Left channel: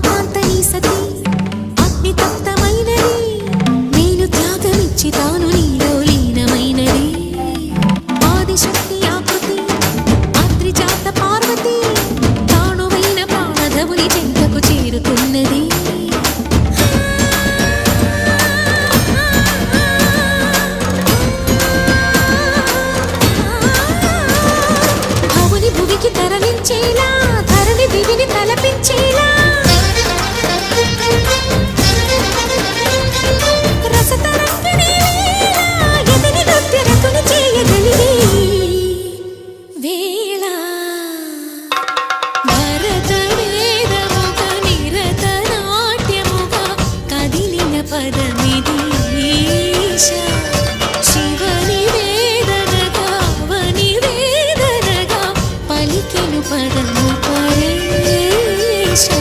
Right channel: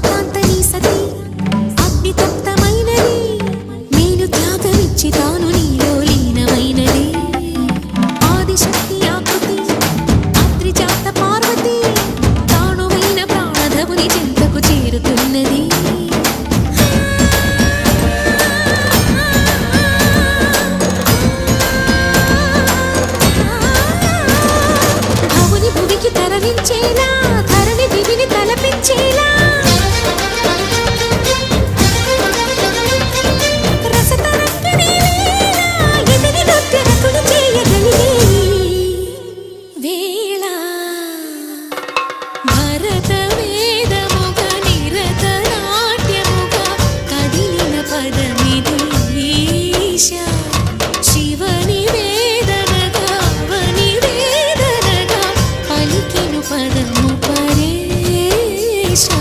కాంత నీ సతి అగ్ని తప్తమైనది మేలు త్యాగమిచ్చి తాను నీలో లీనమైనది ఆదిశక్తి ఆకృతి అద్రిజాత పార్వతి తానువైన ప్రాణధవుని చెంతకు చేరుతున్నది భవుని భువికి తరలించేలా ధరణి దివిని తలపించేలా రసతరంగిణి లీలా ఎదిని నృత్యరతుని చేయగలిగే వేళ భరత వేదముగ నిరత నాట్యముగా కదిలిన పదమిది ఈశా శివని వేదనగా అవని వేదనగా పలికెను పదము పరేశా